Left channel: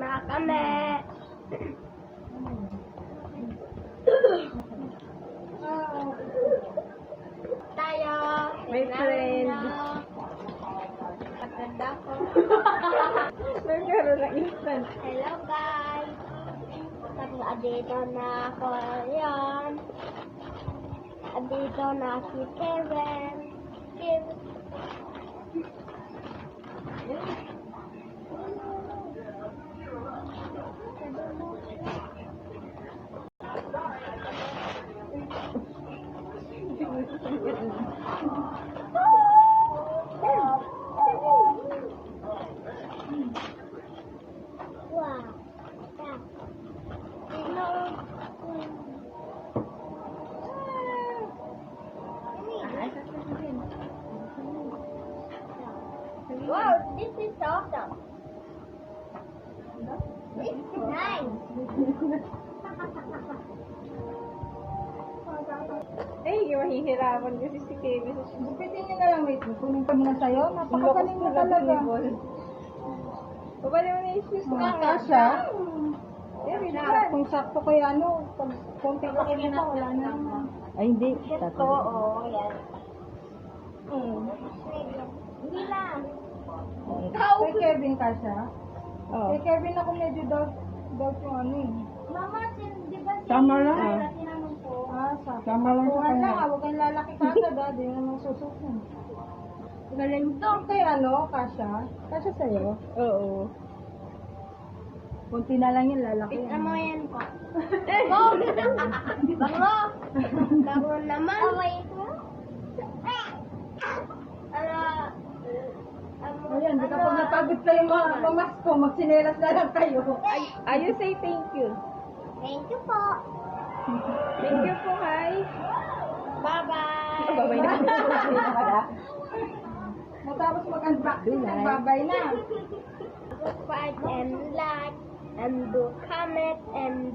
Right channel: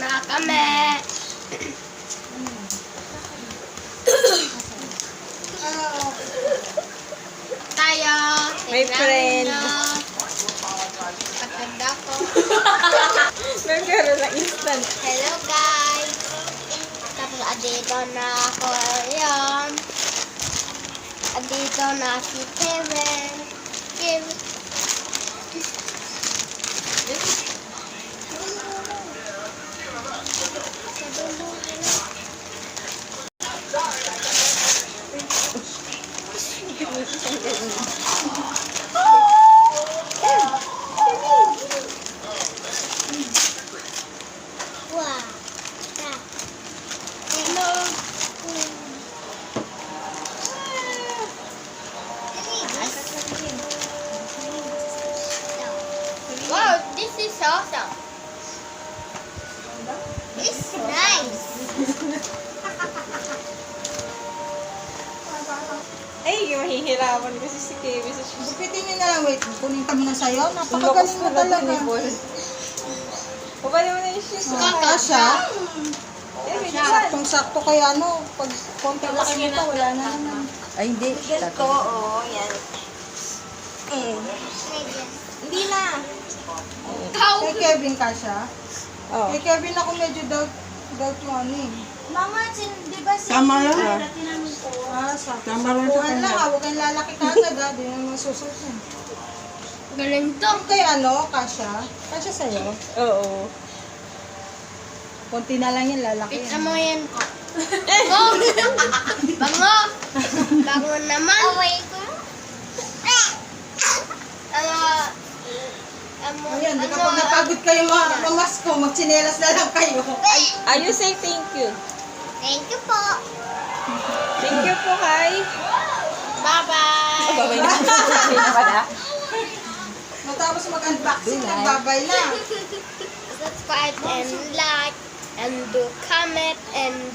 na kami. Tayo. My friend. Maganda ko. Nagkaroon ng instant. Hello guys. Tapos andito na ako. Ayan. Andito na si Kevin. Kevin. Wow. Hello. Wow, this is awesome. It's nice. Ay, mahihirapan kasi si Kevin sa shoes. Gupitin niyo na lang, wait. Kunin kami na sa'yo. Napakagaling mo talaga. Babali mo na yung shoes. Kasha. Kevin, Saktong-sakto kaya ano, pag konti lang kita, wala na naman. Ay, hindi. ganito, oh, yan. Hindi na. Kay Kevin, Kasha. Oh. Kay Kevin ako medyo doubt yung ano eh. Mama, di ba si... Tama lang. namin po? Sakto. Tama lang sa Saktuhan kanya. lang, huwag kang lalaki ka agad ha. Di naman susunod niya. Galing to. Kay ano, Kasha? Kasha sa'yo? Oo. Konti na lang yung lalaki. Pizza mo yan ko. Oh! Bango! Bango naman. Away ko. Ayan, di kapag napagod kayo mamasko, magtsinelas na lang kayo. You say thank you. Thank you po. Thank you po, kay. Bye-bye. Babay na. Babay na pala. Matapos mag-unboxing, nagbabay na. Subscribe and like and do comment and